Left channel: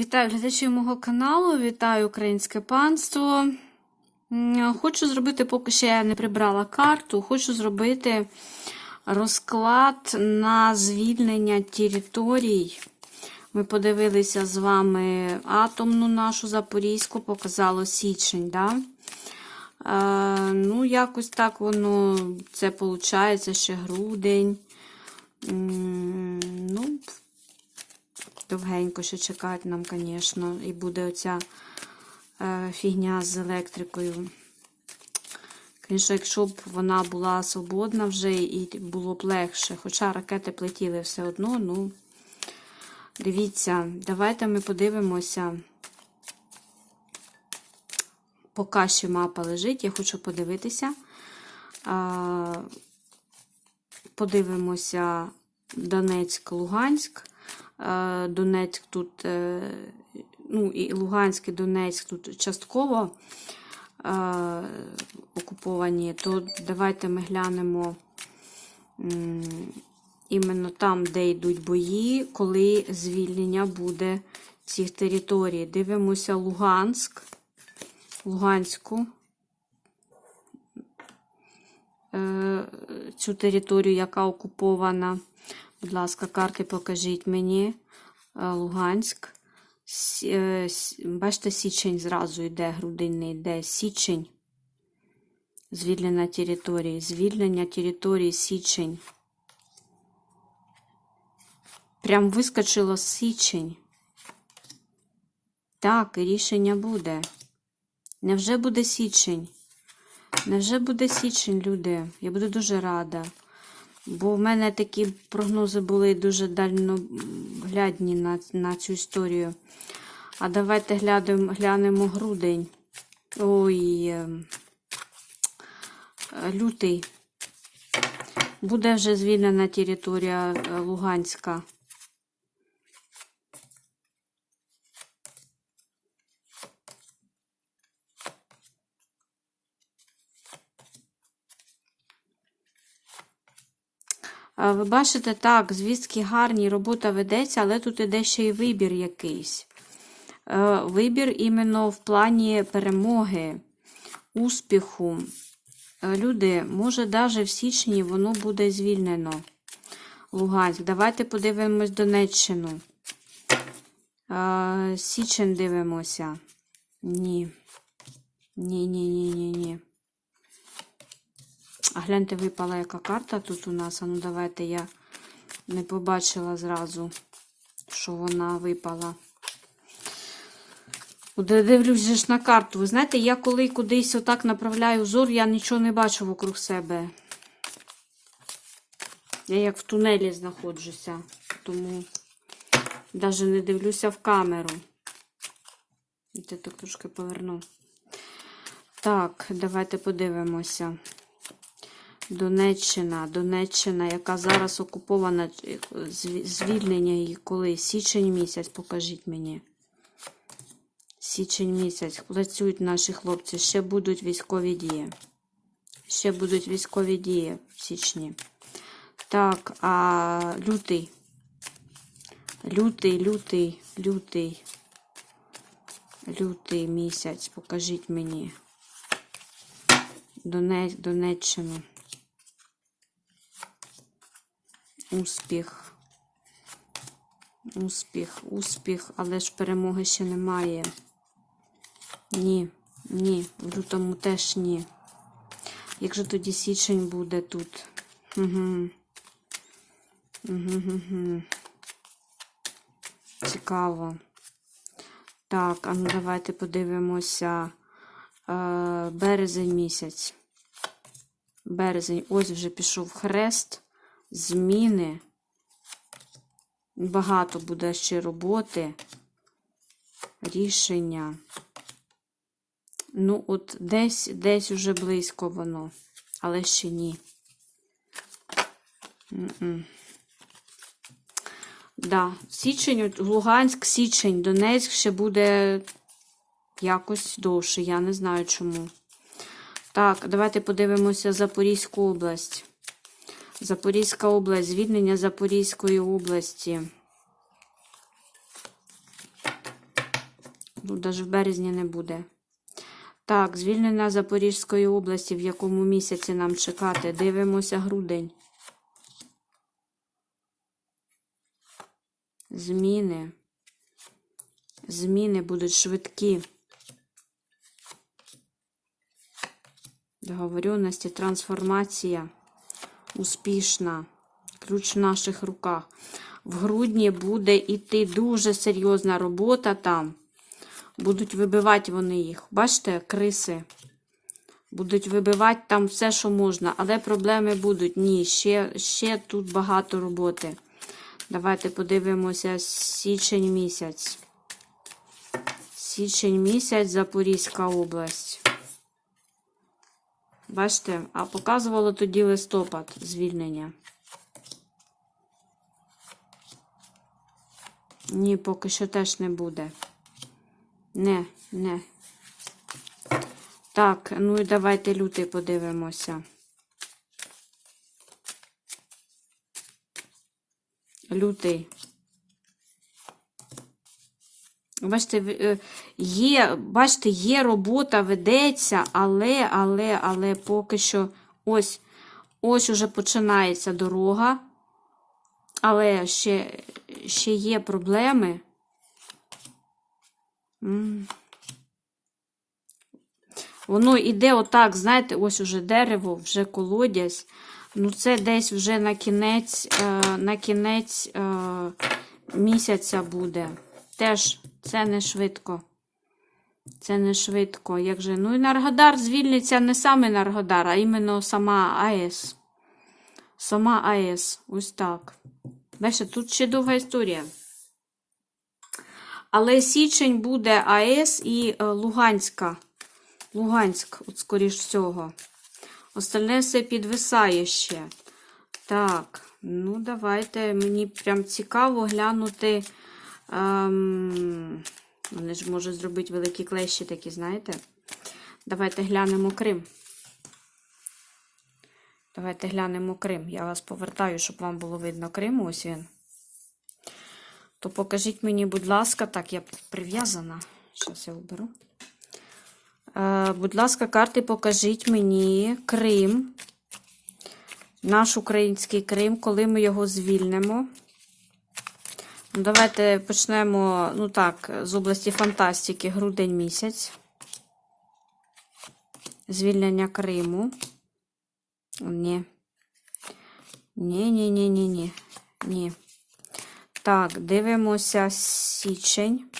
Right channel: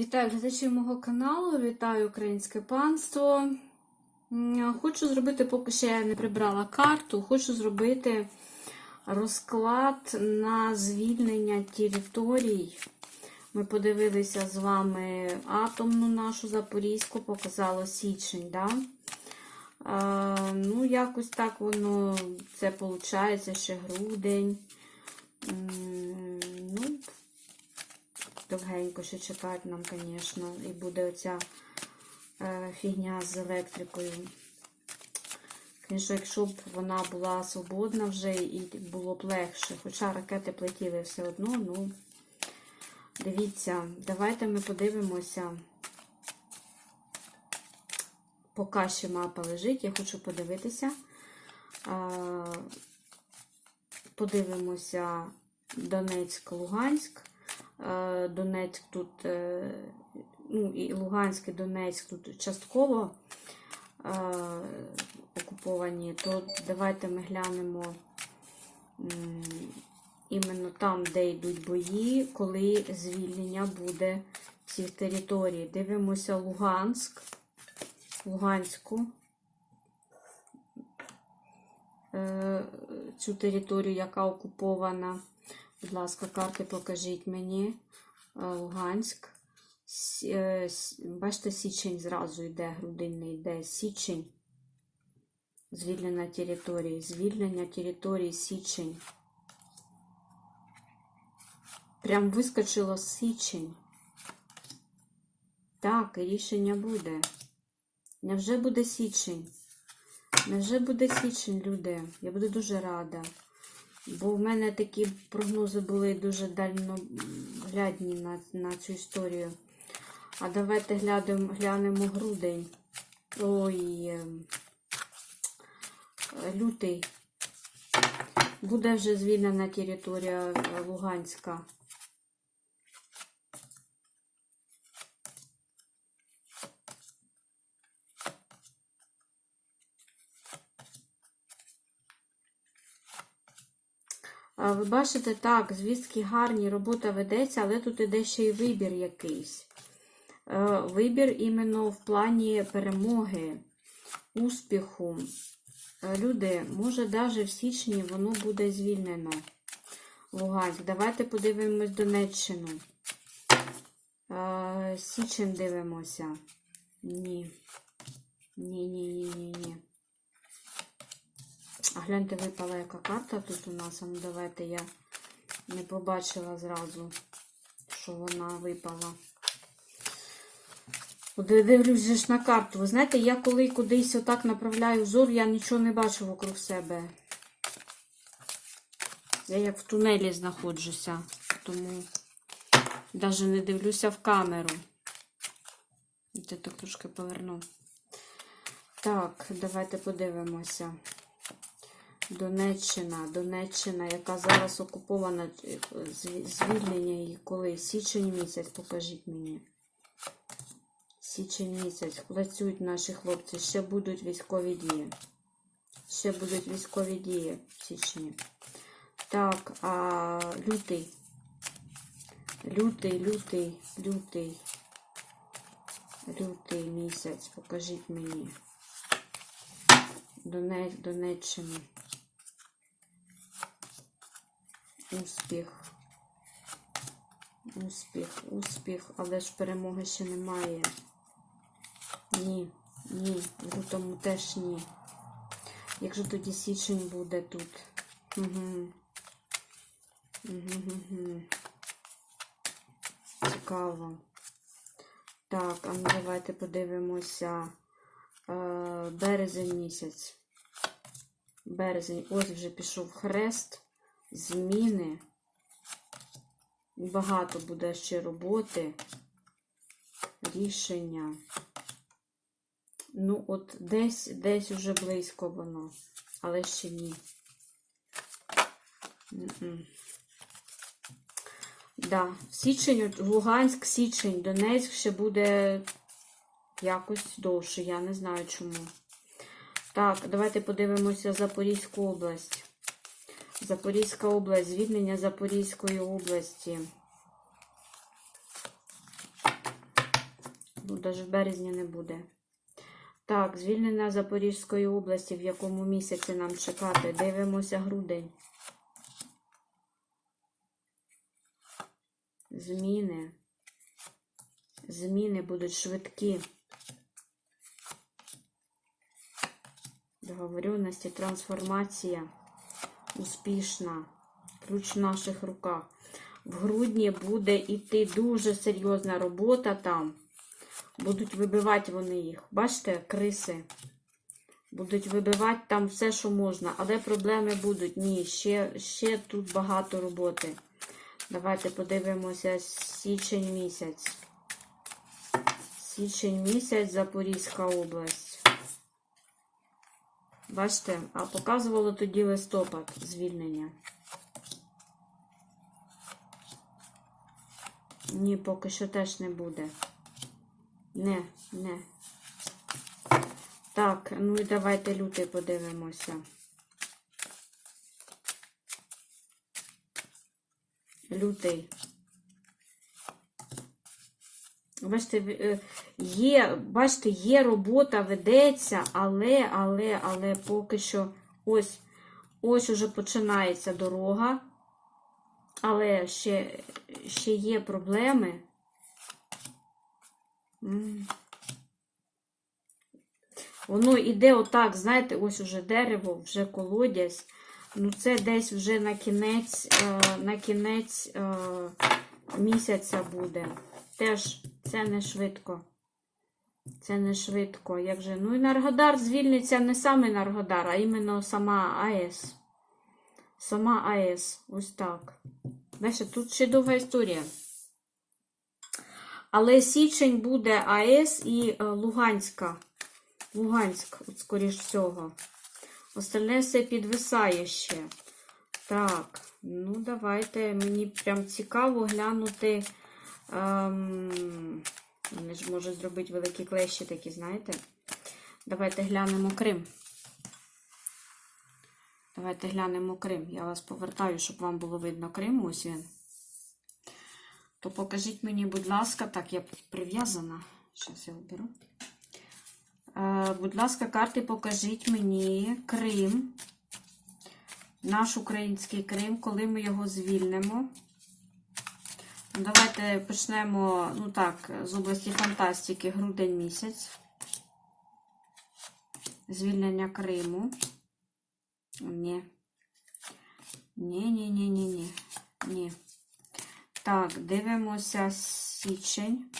Вітаю глядачів мого каналу, вітаю українське панство. Хочу зробити, поки ще я не прибрала карту, хочу зробити розклад на звільнення територій. Ми подивилися з вами атомну нашу Запорізьку, показало січень. Да? Е, ну, якось так воно, це виходить ще грудень. Ну, довгенько ще чекати нам, звісно, і буде оця е, фігня з електрикою. Звісно, якщо б вона була свободна вже і було б легше. Хоча ракети плетіли все одно, ну, дивіться, давайте ми подивимося. Поки ще мапа лежить, я хочу подивитися. Подивимося Донецьк, Луганськ. Е, Донецьк тут, е, ну і Луганськ і Донецьк тут частково е, окуповані, то давайте ми глянемо іменно там, де йдуть бої, коли звільнення буде цих територій. Дивимося Луганськ, Луганську. Цю територію, яка окупована. Будь ласка, карти покажіть мені. Е, Луганськ. Е, Бачите, січень зразу йде, грудинний йде. Січень. Звільнення території. Звільнення території січень. Прям вискочило січень. Так, і рішення буде. Невже буде січень? Невже буде січень, люди? Я буду дуже рада. Бо в мене такі прогнози були дуже дальноглядні на, на цю історію. А давайте глянемо, глянемо грудень. Ой, ем, е, лютий. Буде вже звільнена територія е, Луганська. Ви бачите, так, звістки гарні, робота ведеться, але тут іде ще й вибір якийсь. Е, Вибір іменно в плані перемоги, успіху. Е, Люди, може, навіть в січні воно буде звільнено. Луганськ. Давайте подивимось Донеччину. Е, Січень дивимося. Ні. Ні, ні, ні, ні, ні. А гляньте, випала яка карта тут у нас. А ну давайте я не побачила зразу, що вона випала. Дивлюсь ж на карту. Ви знаєте, я коли кудись отак направляю взор, я нічого не бачу вокруг себе. Я як в тунелі знаходжуся, тому навіть не дивлюся в камеру. Я так трошки поверну. Так, давайте подивимося. Донеччина, Донеччина, яка зараз окупована, е, звільнення її коли? Січень місяць, покажіть мені. Січень місяць. Працюють наші хлопці. Ще будуть військові дії. Ще будуть військові дії в січні. Так, а лютий. Лютий, лютий, лютий. Лютий місяць. Покажіть мені. Донець, Донеччину. Успіх. Успіх, успіх, але ж перемоги ще немає. Ні, ні, в лютому теж ні. Як же тоді січень буде тут? Угу. Угу. Цікаво. Так, а ну давайте подивимося. Е, березень місяць. Березень. Ось вже пішов хрест. Зміни. Багато буде ще роботи. Рішення. Ну, от десь, десь уже близько воно, але ще ні. М-м. Да, січень, Луганськ, січень, Донецьк ще буде якось довше, я не знаю чому. Так, давайте подивимося Запорізьку область. Запорізька область, звільнення Запорізької області. Ну, навіть в березні не буде. Так, звільнення Запорізької області, в якому місяці нам чекати. Дивимося грудень. Зміни. Зміни будуть швидкі. Договоренності, трансформація успішна. Ключ в наших руках. В грудні буде йти дуже серйозна робота там. Будуть вибивати вони їх. Бачите, криси. Будуть вибивати там все, що можна. Але проблеми будуть. Ні, ще, ще тут багато роботи. Давайте подивимося січень місяць. Січень місяць, Запорізька область. Бачите, а показувало тоді листопад звільнення. Ні, поки що теж не буде. Не, не. Так, ну і давайте лютий подивимося. Лютий. Бачите, е, є, бачите, є робота, ведеться, але, але, але поки що ось, ось уже починається дорога. Але ще, ще є проблеми. Воно йде отак, знаєте, ось уже дерево, вже колодязь. Ну, це десь вже на кінець, е, на кінець е, місяця буде. Теж це не швидко. Це не швидко. Як же? Ну, Енергодар звільниться не сам Енергодар, а іменно сама АЕС. Сама АЕС. Ось так. Бачите, тут ще довга історія. Але січень буде АЕС і е, Луганська. Луганськ, от скоріш всього. Остальне все підвисає ще. Так, ну давайте. Мені прям цікаво глянути. Ем, вони ж можуть зробити великі клещі такі, знаєте? Давайте глянемо Крим. Давайте глянемо Крим. Я вас повертаю, щоб вам було видно Крим. Ось він. То покажіть мені, будь ласка, так, я прив'язана. Зараз я оберу. Е, будь ласка, карти, покажіть мені Крим. Наш український Крим, коли ми його звільнимо. Ну, Давайте почнемо, ну так, з області фантастики, грудень місяць. Звільнення Криму. Ні. Ні, ні, ні, ні, ні. Ні. Так, дивимося січень.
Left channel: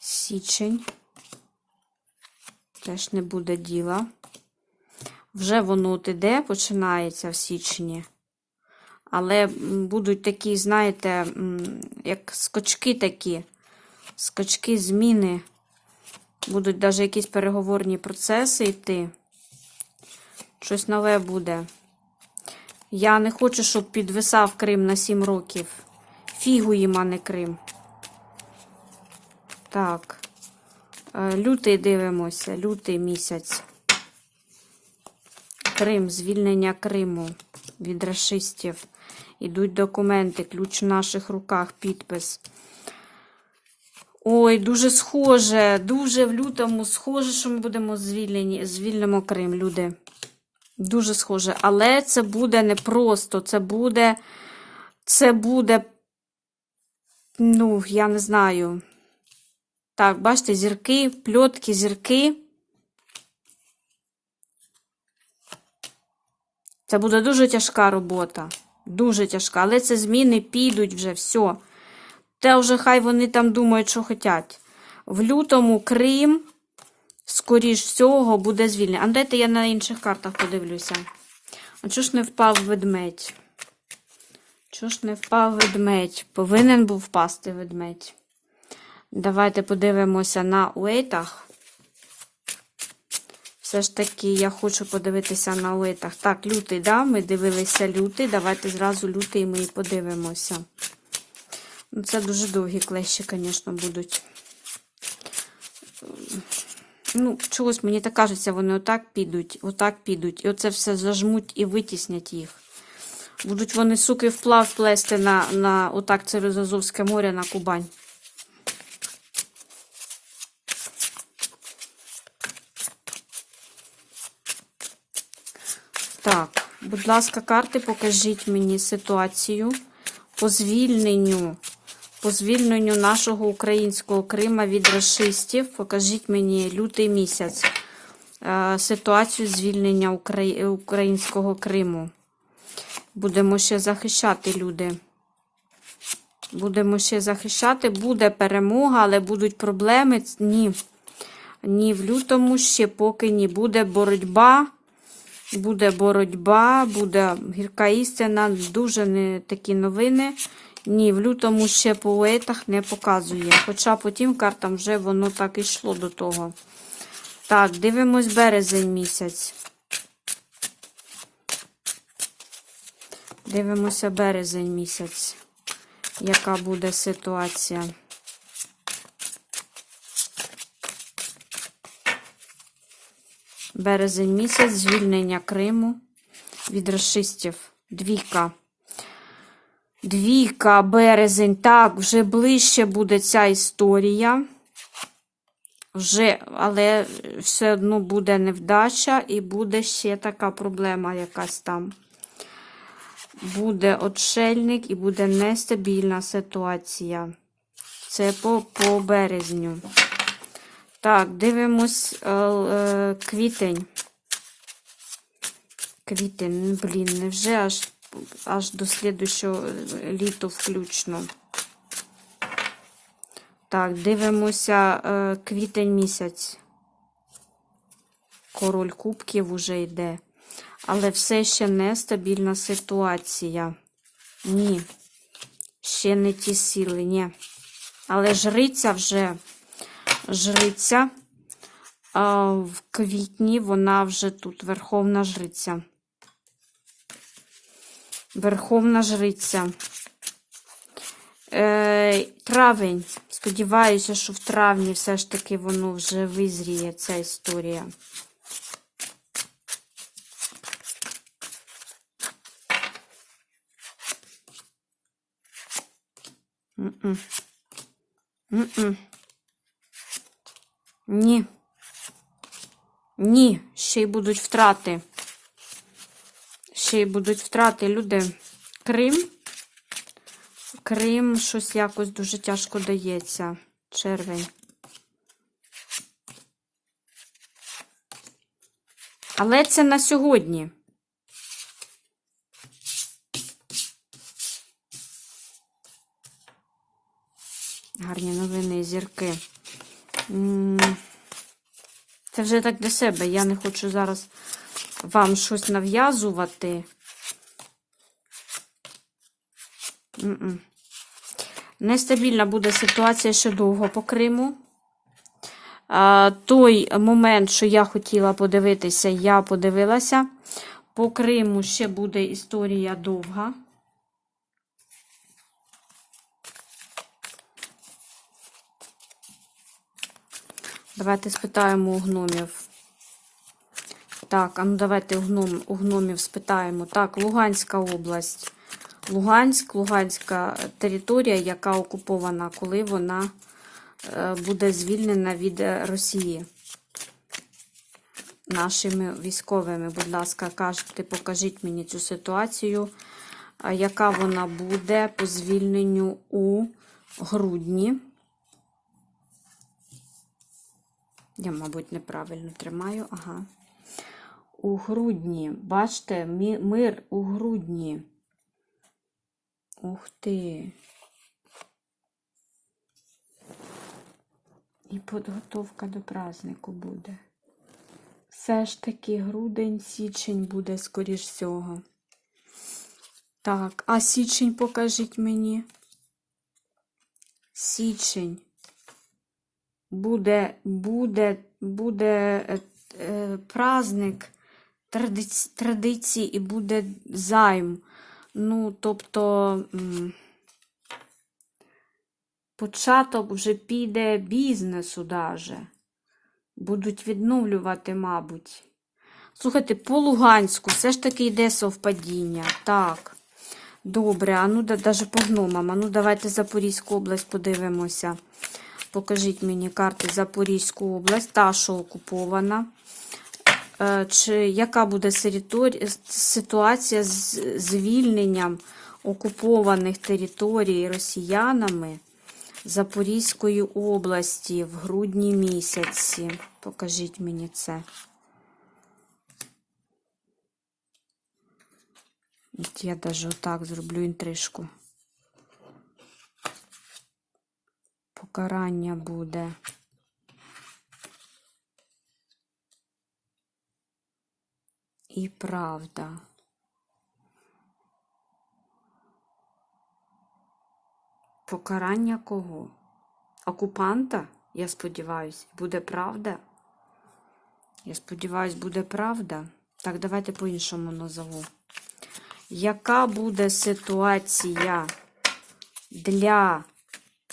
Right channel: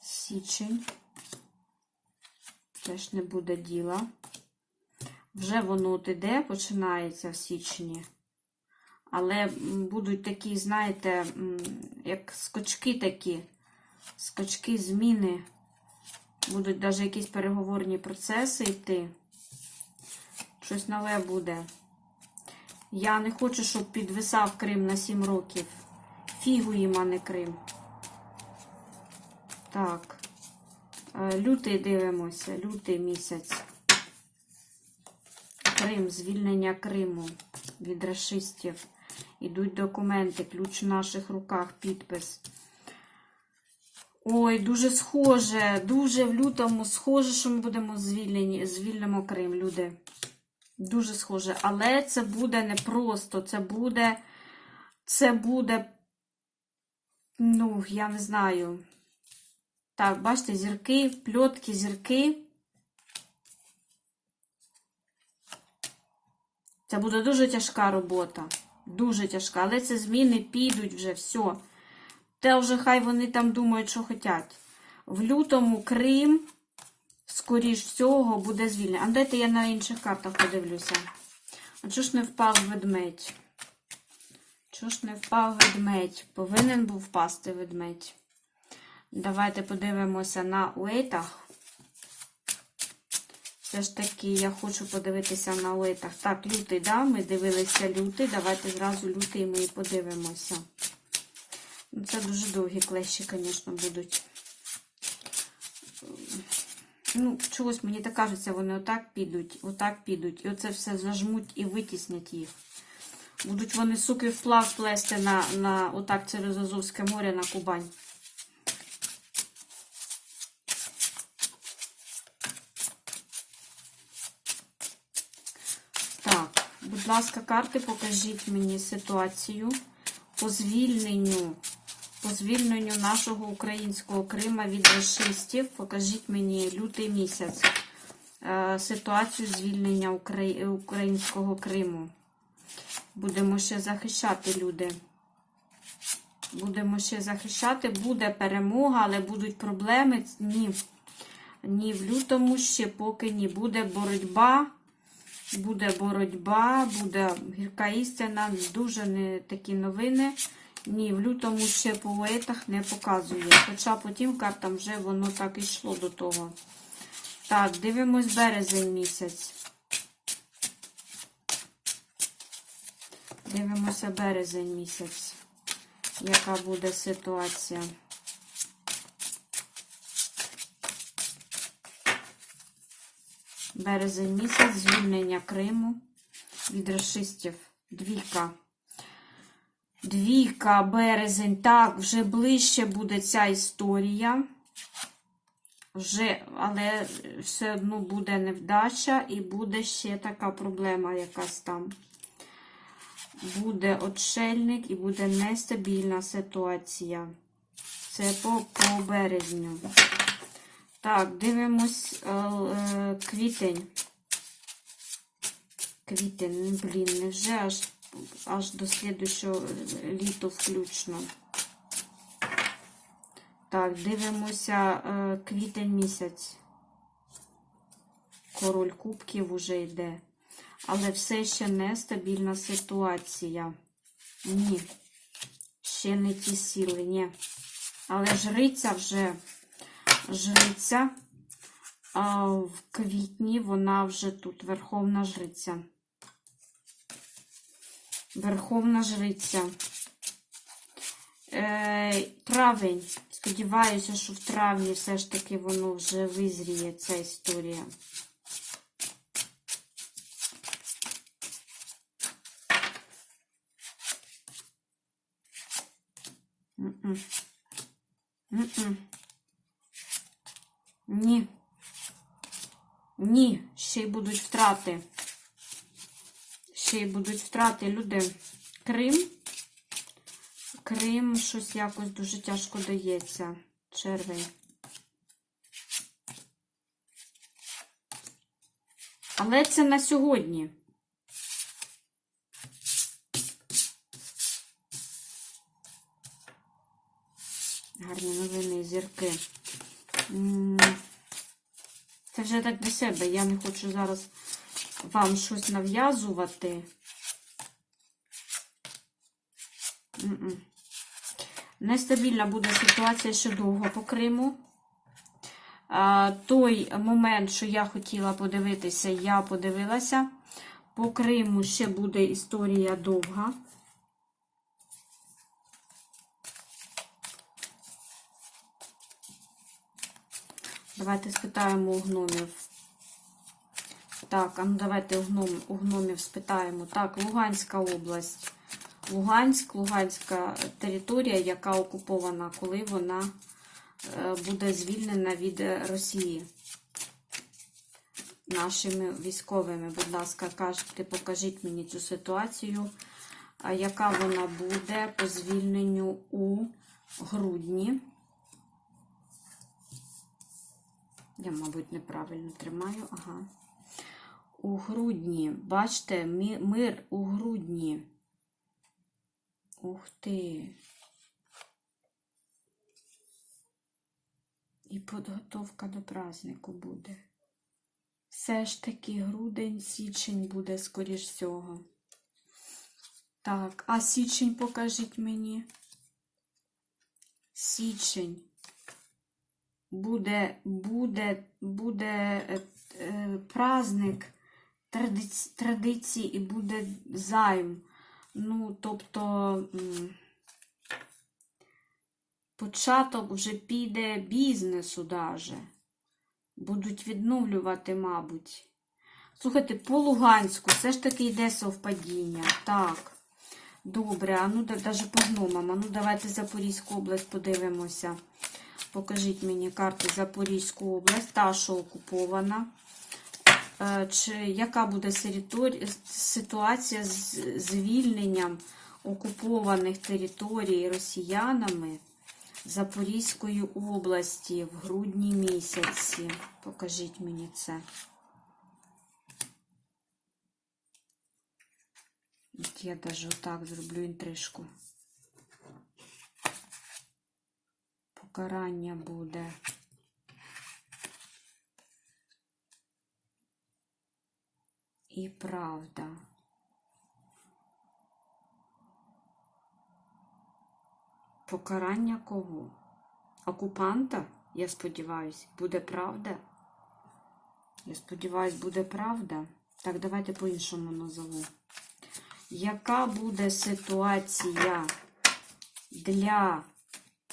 Січень. Теж не буде діла. Вже воно от іде, починається в січні. Але будуть такі, знаєте, як скочки такі, скочки зміни. Будуть навіть якісь переговорні процеси йти. Щось нове буде. Я не хочу, щоб підвисав Крим на 7 років. Фігу їм, а не Крим. Так. Е, Лютий дивимося, лютий місяць. Крим, звільнення Криму від расистів. Ідуть документи, ключ в наших руках, підпис. Ой, дуже схоже, дуже в лютому схоже, що ми будемо звільнені, звільнимо Крим, люди. Дуже схоже. Але це буде непросто. Це буде, це буде, ну, я не знаю. Так, бачите, зірки, пльотки, зірки. Це буде дуже тяжка робота. Дуже тяжка. Але це зміни підуть вже все. Те вже хай вони там думають, що хочуть. В лютому Крим, скоріш всього, буде звільнений. А дайте я на інших картах подивлюся. А чого ж не впав ведмедь? Чого ж не впав ведмедь? Повинен був впасти ведмедь. Давайте подивимося на уейтах. Все ж таки, я хочу подивитися на уейтах. Так, лютий, да? Ми дивилися лютий. Давайте зразу лютий ми і подивимося. Ну, це дуже довгі клещі, звісно, будуть. Ну, чогось мені так кажеться, вони отак підуть, отак підуть. І оце все зажмуть і витіснять їх. Будуть вони суки вплав плести на, на отак через Азовське море на Кубань. Так, будь ласка, карти, покажіть мені ситуацію по звільненню, по звільненню нашого українського Крима від расистів. Покажіть мені лютий місяць. е, Ситуацію звільнення українського Криму. Будемо ще захищати люди. Будемо ще захищати. Буде перемога, але будуть проблеми. Ні. Ні, в лютому ще поки ні. Буде боротьба. Буде боротьба, буде гірка істина, дуже не такі новини. Ні, в лютому ще по уейтах не показує. Хоча потім картам вже воно так йшло до того. Так, дивимось березень місяць. Дивимося березень місяць. Яка буде ситуація? Березень місяць, звільнення Криму від расистів. Двійка. Двійка, березень. Так, вже ближче буде ця історія. Вже, але все одно буде невдача і буде ще така проблема якась там. Буде отшельник і буде нестабільна ситуація. Це по, по березню. Так, дивимось е, е, квітень. Квітень, блін, невже аж, аж до слідущого літу включно. Так, дивимося е, квітень місяць. Король кубків уже йде. Але все ще нестабільна ситуація. Ні. Ще не ті сили, ні. Але жриця вже жриця. А в квітні вона вже тут верховна жриця. Верховна жриця. Е, травень. Сподіваюся, що в травні все ж таки воно вже визріє, ця історія. М-м. М-м. Ні. Ні, ще й будуть втрати. Ще й будуть втрати, люди. Крим. Крим щось якось дуже тяжко дається. Червень. Але це на сьогодні. Гарні новини, зірки. Це вже так для себе. Я не хочу зараз вам щось нав'язувати. Нестабільна буде ситуація ще довго по Криму. А, той момент, що я хотіла подивитися, я подивилася. По Криму ще буде історія довга. Давайте спитаємо у гномів. Так, а ну давайте у, гном, у гномів спитаємо. Так, Луганська область. Луганськ, Луганська територія, яка окупована, коли вона е, буде звільнена від е, Росії. Нашими військовими, будь ласка, кажете, покажіть мені цю ситуацію, яка вона буде по звільненню у грудні. Я, мабуть, неправильно тримаю. Ага. У грудні. Бачите, мир у грудні. Ух ти. І підготовка до празднику буде. Все ж таки грудень, січень буде, скоріш всього. Так, а січень покажіть мені. Січень буде, буде, буде е, е, праздник традиці, традицій і буде займ. Ну, тобто початок вже піде бізнесу даже. Будуть відновлювати, мабуть. Слухайте, по Луганську все ж таки йде совпадіння. Так. Добре, а ну даже по гномам. А ну давайте Запорізьку область подивимося. Покажіть мені карти Запорізьку область, та, що окупована. Е, Чи яка буде ситуація з звільненням окупованих територій росіянами Запорізької області в грудні місяці? Покажіть мені це. От я даже отак зроблю інтрижку. Покарання буде. І правда. Покарання кого? Окупанта? Я сподіваюся, буде правда? Я сподіваюся, буде правда. Так, давайте по-іншому назову. Яка буде ситуація для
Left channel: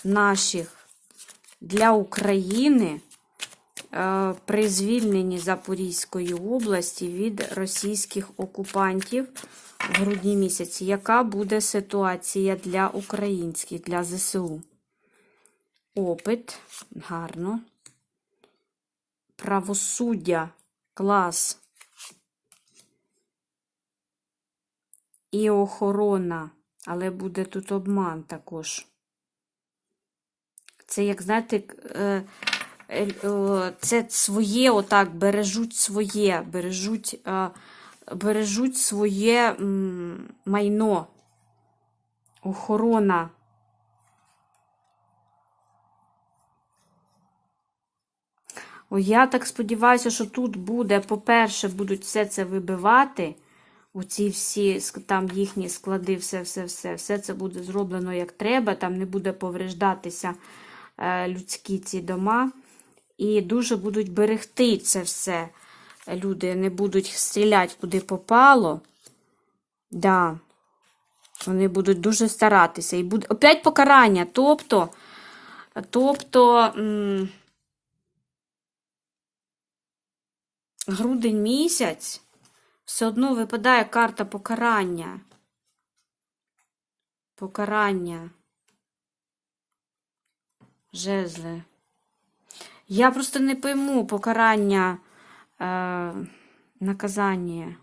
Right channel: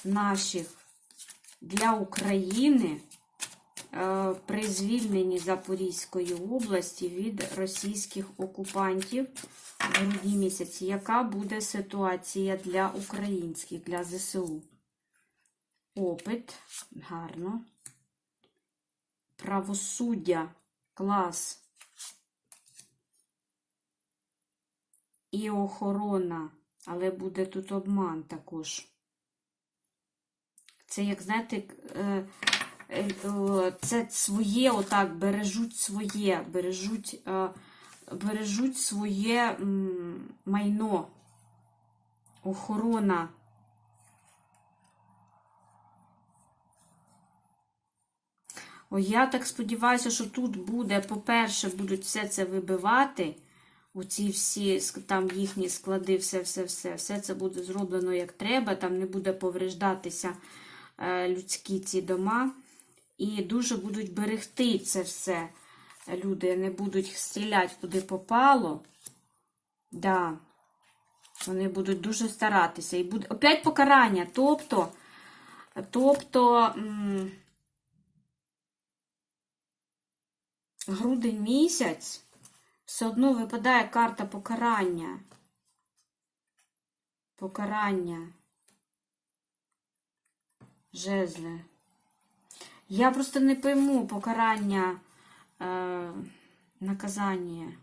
наших, для України е, при звільненні Запорізької області від російських окупантів в грудні місяці? Яка буде ситуація для українських, для ЗСУ? Опит, гарно. Правосуддя, клас. і охорона, але буде тут обман також. Це, як знаєте, е, е, це своє, отак, бережуть своє, бережуть, е, бережуть своє майно, охорона. Я так сподіваюся, що тут буде, по-перше, будуть все це вибивати. Оці всі там їхні склади, все, все, це буде зроблено як треба, там не буде повреждатися людські ці дома. І дуже будуть берегти це все. Люди не будуть стріляти куди попало. Да. Вони будуть дуже старатися. І буде опять покарання. Тобто, тобто грудень місяць все одно випадає карта покарання. Покарання. Жезли. Я просто не пойму покарання, е, наказання.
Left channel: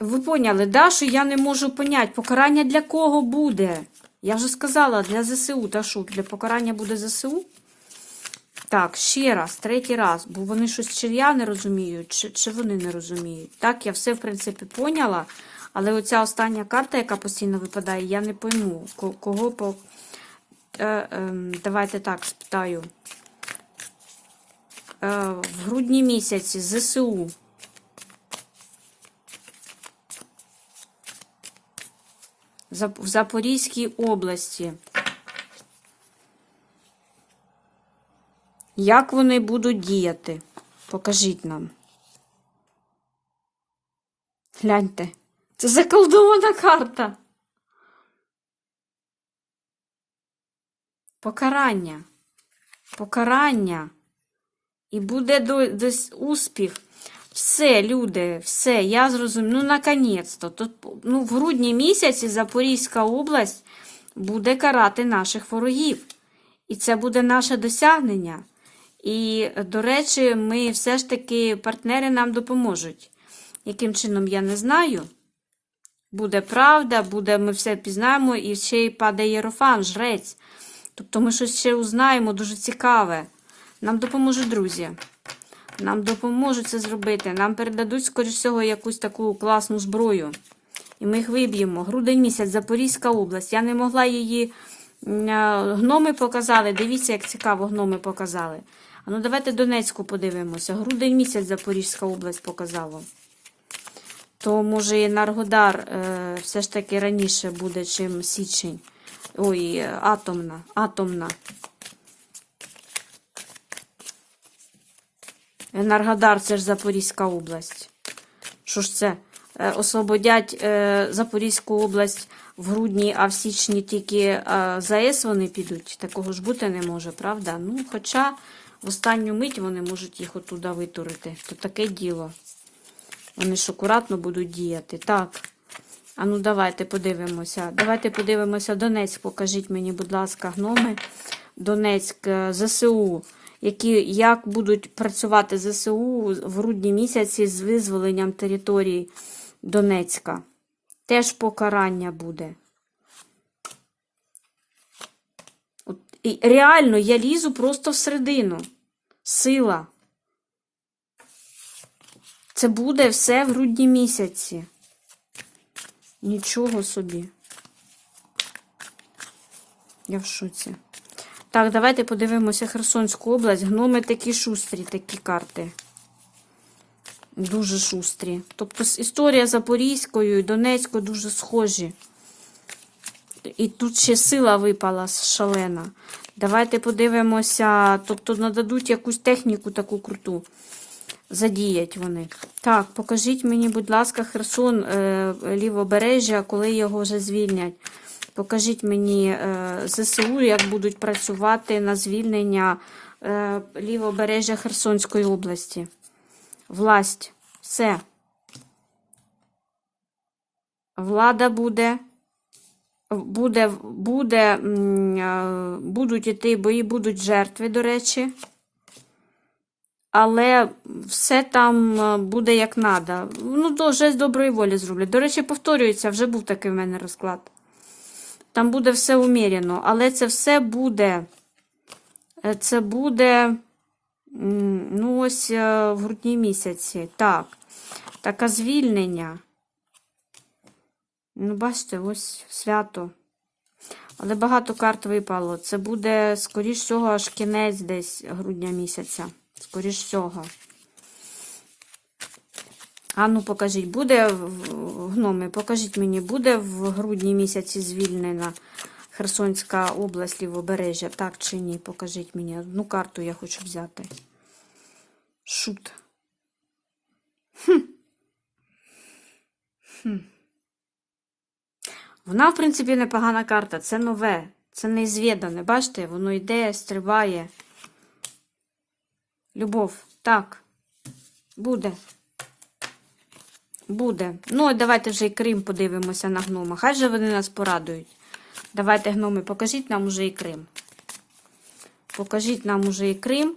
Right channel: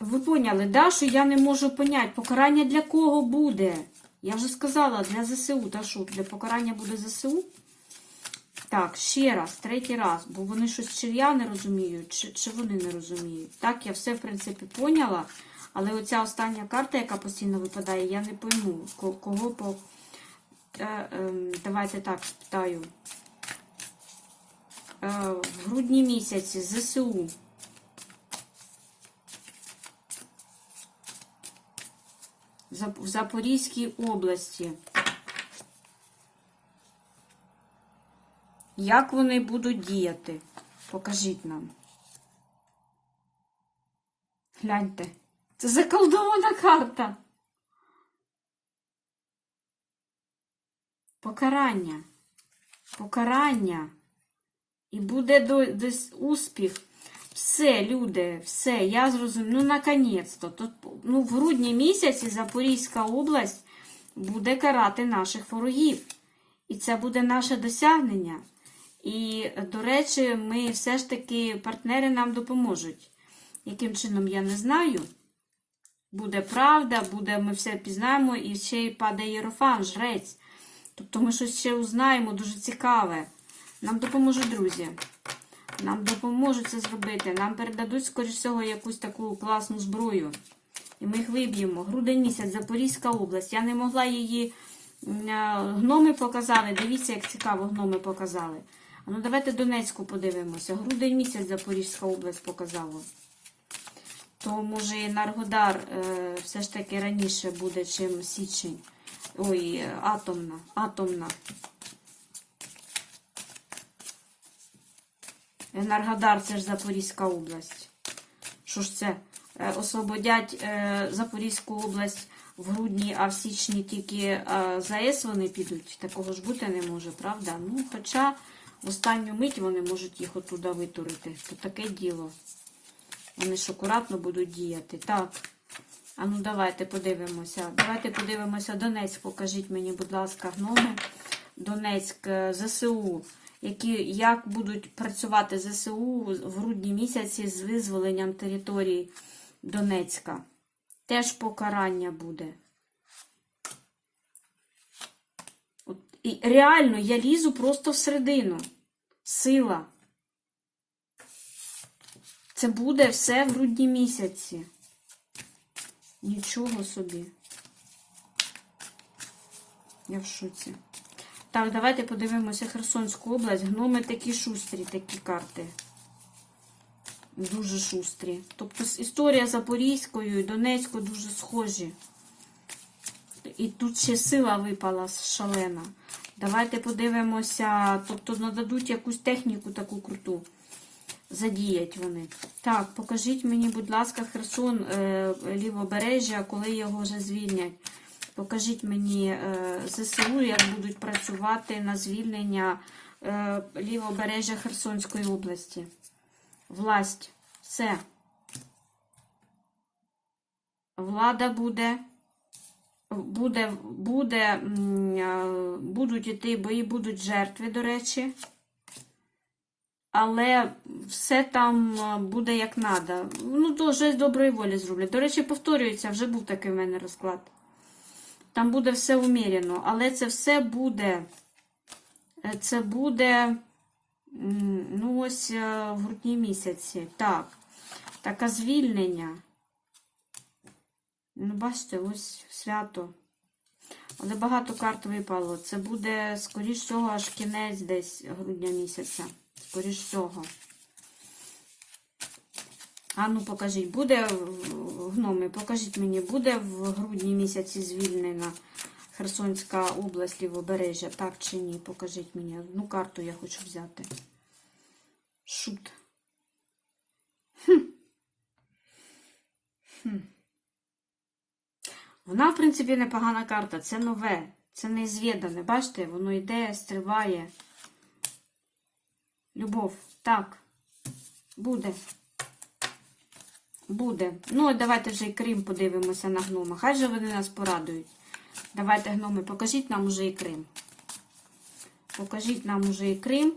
Ви поняли, да, що я не можу поняти, покарання для кого буде? Я вже сказала, для ЗСУ. Та що, для покарання буде ЗСУ? Так, ще раз, третій раз, бо вони щось чи я не розуміють, чи, чи вони не розуміють. Так, я все, в принципі, поняла, але оця остання карта, яка постійно випадає, я не пойму, кого по. Е, ем, давайте так спитаю. Е, в грудні місяці ЗСУ. В Запорізькій області. Як вони будуть діяти? Покажіть нам. Гляньте. Це заколдована карта. Покарання. Покарання. І буде до- десь успіх. Все, люди, все, я зрозумів. Ну, наконець-то. Тут, ну, в грудні місяці Запорізька область буде карати наших ворогів. І це буде наше досягнення. І, до речі, ми все ж таки партнери нам допоможуть. Яким чином, я не знаю. Буде правда, буде, ми все пізнаємо, і ще й падає Єрофан, жрець. Тобто ми щось ще узнаємо дуже цікаве. Нам допоможуть друзі. Нам допоможуть це зробити. Нам передадуть, скоріш всього, якусь таку класну зброю. І ми їх виб'ємо. Грудень місяць, Запорізька область. Я не могла її. Гноми показали. Дивіться, як цікаво гноми показали. Ну давайте Донецьку подивимося. Грудень місяць Запорізька область показало. То, може, і Наргодар е, все ж таки раніше буде, чим січень. Ой, е, атомна. Атомна. Енергодар це ж Запорізька область. Що ж це? Е, Освободять е, Запорізьку область в грудні, а в січні тільки а, ЗАЕС вони підуть. Такого ж бути не може, правда? Ну, хоча останню мить вони можуть їх отуда витурити. То таке діло. Вони ж акуратно будуть діяти. Так. А ну давайте подивимося. Давайте подивимося Донецьк. Покажіть мені, будь ласка, гноми. Донецьк, е, ЗСУ. Які, як будуть працювати ЗСУ в грудні місяці з визволенням території Донецька? Теж покарання буде. І реально, я лізу просто всередину. Сила. Це буде все в грудні місяці. Нічого собі. Я в шоці. Так, давайте подивимося Херсонську область. Гноми такі шустрі, такі карти. Дуже шустрі. Тобто історія Запорізькою і Донецькою дуже схожі. І тут ще сила випала шалена. Давайте подивимося. Тобто нададуть якусь техніку таку круту. Задіять вони. Так, покажіть мені, будь ласка, Херсон, е, лівобережжя, коли його вже звільнять. Покажіть мені е, ЗСУ, як будуть працювати на звільнення е, лівобережжя Херсонської області. Власть. Все. Влада буде. Буде, буде, е, будуть іти бої, будуть жертви, до речі. Але все там е, буде як треба. Ну, то вже з доброї волі зроблять. До речі, повторюється, вже був такий в мене розклад. Там буде все уміряно, але це все буде. е, Це буде. Ну, ось в грудні місяці. Так. Таке звільнення. Ну, бачите, ось свято. Але багато карт випало. Це буде, скоріш всього, аж кінець десь грудня місяця. Скоріш всього. А ну покажіть, буде гноми, покажіть мені, буде в грудні місяці звільнена Херсонська область лівобережжя, так чи ні? Покажіть мені. Одну карту я хочу взяти. Шут. Хм. Хм. Вона, в принципі, непогана карта. Це нове, це неізвідане. Бачите, воно йде, стрибає. Любов. Так. Буде. Буде. Ну, і давайте вже і Крим подивимося на гнома. Хай же вони нас порадують. Давайте, гноми, покажіть нам уже і Крим. Покажіть нам уже і Крим.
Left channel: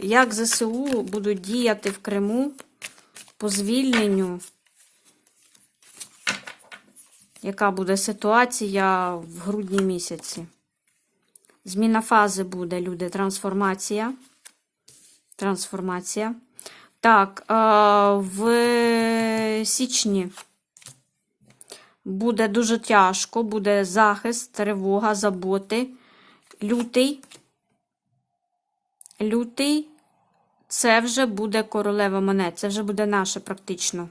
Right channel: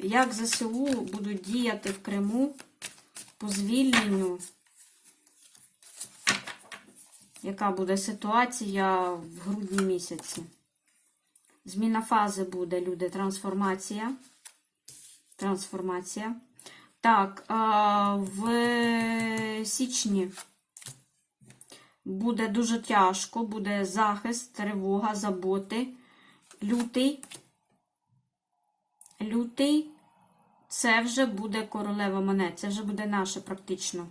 Як ЗСУ будуть діяти в Криму по звільненню? Яка буде ситуація в грудні місяці? Зміна фази буде, люди, трансформація. Трансформація. Так, е, в січні буде дуже тяжко, буде захист, тривога, заботи. Лютий. Лютий це вже буде королева монет. Це вже буде наше практично.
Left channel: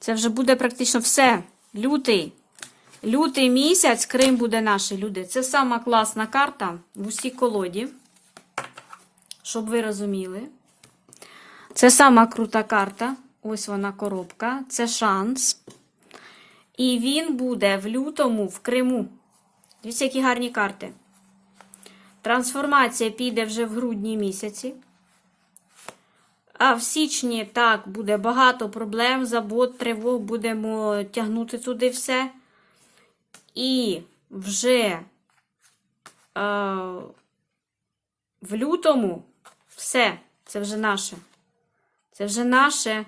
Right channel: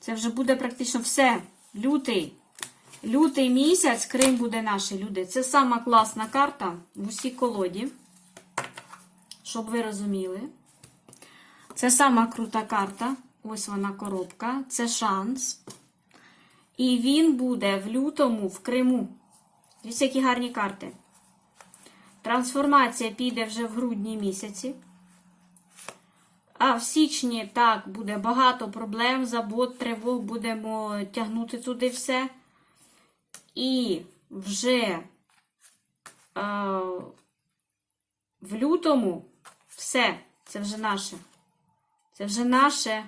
Це вже буде практично все. Лютий. Лютий місяць, Крим буде наш, люди. Це сама класна карта в усій колоді. Щоб ви розуміли. Це сама крута карта. Ось вона коробка. Це шанс. І він буде в лютому в Криму. Дивіться, які гарні карти. Трансформація піде вже в грудні місяці. А в січні так буде багато проблем, забот, тривог, будемо тягнути туди все. І вже е, в лютому все, це вже наше. Це вже наше.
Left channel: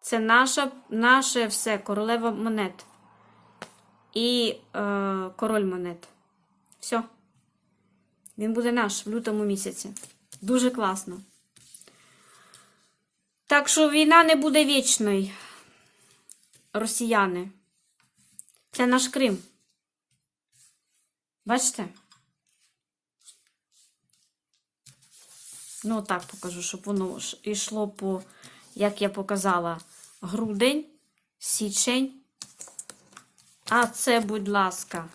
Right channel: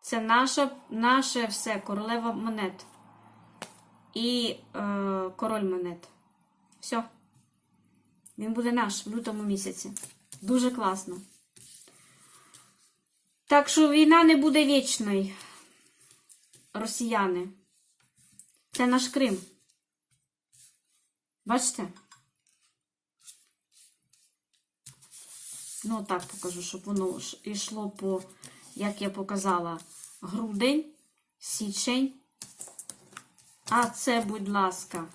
Це наша, наше все, королева монет. І е, король монет. Все. Він буде наш в лютому місяці. Дуже класно. Так що війна не буде вічною, росіяни. Це наш Крим. Бачите? Ну, так покажу, щоб воно йшло по, як я показала, грудень, січень. А це, будь ласка,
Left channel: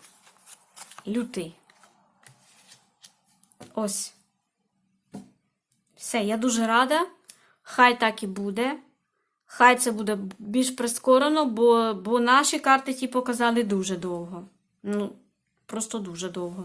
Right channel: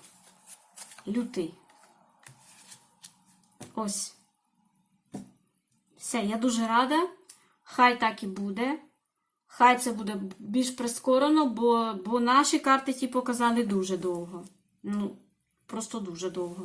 лютий. Ось. Все, я дуже рада. Хай так і буде. Хай це буде більш прискорено, бо, бо наші карти ті показали дуже довго. Ну, просто дуже довго.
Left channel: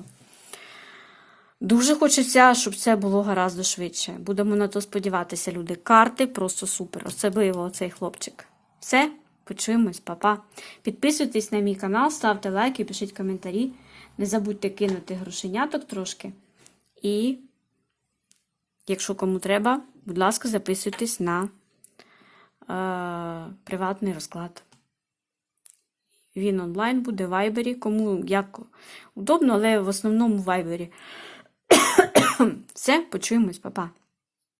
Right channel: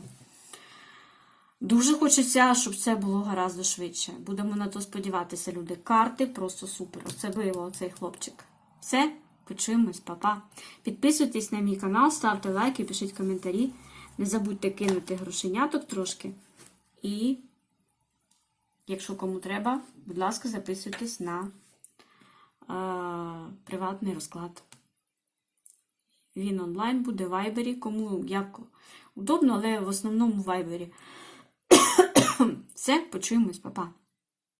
Дуже хочеться, щоб це було гораздо швидше. Будемо на то сподіватися, люди. Карти просто супер. Особливо цей хлопчик. Все, почуємось, па-па. Підписуйтесь на мій канал, ставте лайки, пишіть коментарі. Не забудьте кинути грошеняток трошки. І, якщо кому треба, будь ласка, записуйтесь на е, приватний розклад. Він онлайн буде в вайбері, кому як удобно, але в основному в вайбері. Все, почуємось, па-па.